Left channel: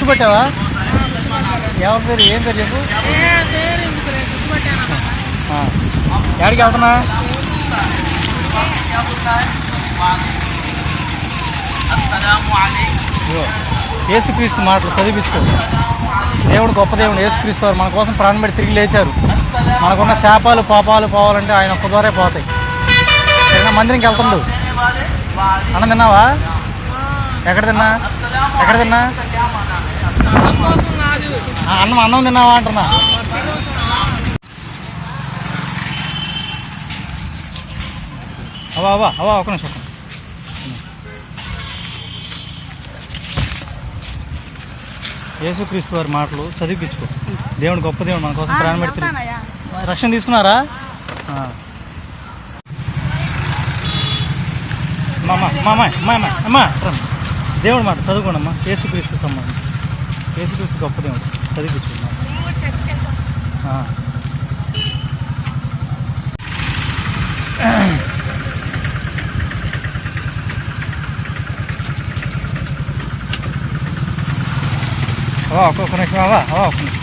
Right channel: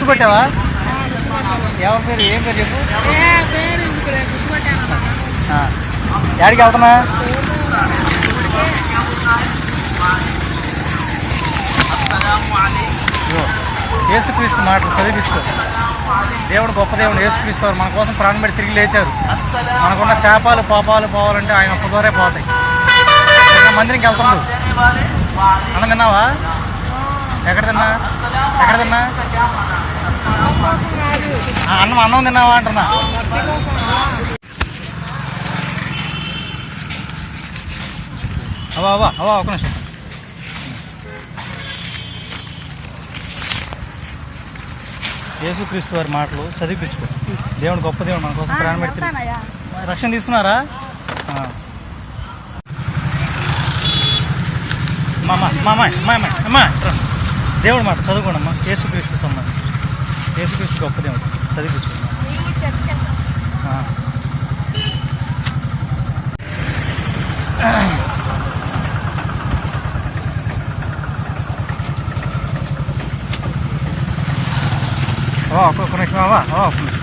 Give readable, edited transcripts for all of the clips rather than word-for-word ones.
గుర్తుపట్టావా? ఎవరి పేరు? ఏం పేరు చెప్పు. ఎక్కడికి వెళ్తున్నా? యేసుక్రీస్తు మాటలు చదివించుకో. దేవుడు గొప్ప దేవుడు. యేసుక్రీస్తు వారు మన కోసం ప్రాణం పెట్టి తిరిగి లేచారు. మనకున్న శాపాలు పాపాలు పోవాలంటే ఆయన ఒక్క ద్వారే పోతాయి. మందిరికి వెళ్తుండు. అన్నం తిన్నావా? ఎక్కడ తిన్నా? అన్నం తిన్నావా అంటున్నా. అవా ఒక నిమిషం. యేసుక్రీస్తు వారి మాటలు చదివించుకో. దేవుడు గొప్ప దేవుడు మన కోసం ప్రాణం పెట్టి రక్షణ తీసుకున్నారా? అమ్మా దేవుడు మాట చదువుకోండి అమ్మా. యేసుక్రీస్తు సంబంధించి యేసుక్రీస్తు గొప్ప దేవుడు చదివించుకోండి. ఒక్కొక్క నిమిషం ఒక్క నిమిషం.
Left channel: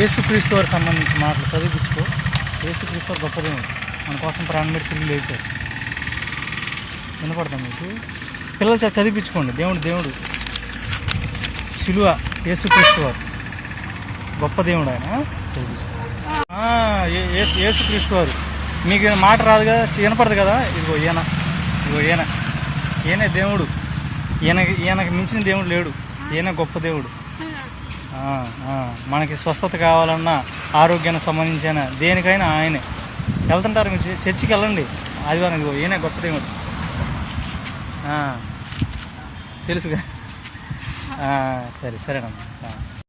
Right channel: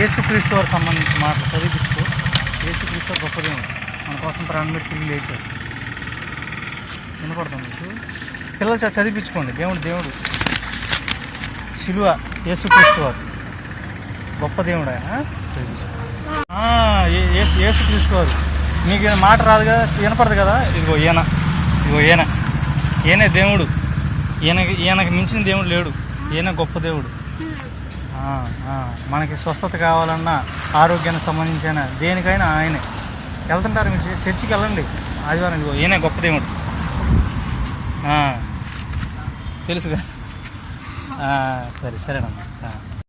యేసుక్రీస్తు వారికి సంబంధించి మాటలు చదివించుకో. యేసుక్రీస్తు వారు గొప్ప దేవుడు మన కోసం ప్రాణం పెట్టి తిరిగి లేచారు. వినపడుతుంది మీకు? పిల్లలు చదివించుకోండి. దేవుడు శిలువ యేసుక్రీస్తు వారు గొప్ప దేవుడు. ఆయన యేసుక్రీస్తు వారు మీకు మాట రాదు కదా, వినపడదు కదా. ఇదిగో ఈయనే దేవుడు. ఈయనకి మించిన దేవుడు లేడు. ఈయన గొప్ప దేవుడు. మనకి స్వస్థత కావాలన్నా, ఆరోగ్యానికి సంబంధించిన దేనికైనా ఆయనే. వెళ్తుంటారు మీరు చర్చికి వెళ్ళండి ఆదివారం. ఇదిగో ఈయనే గొప్ప దేవుడు. తెలుసుగా? సరేనమ్మా.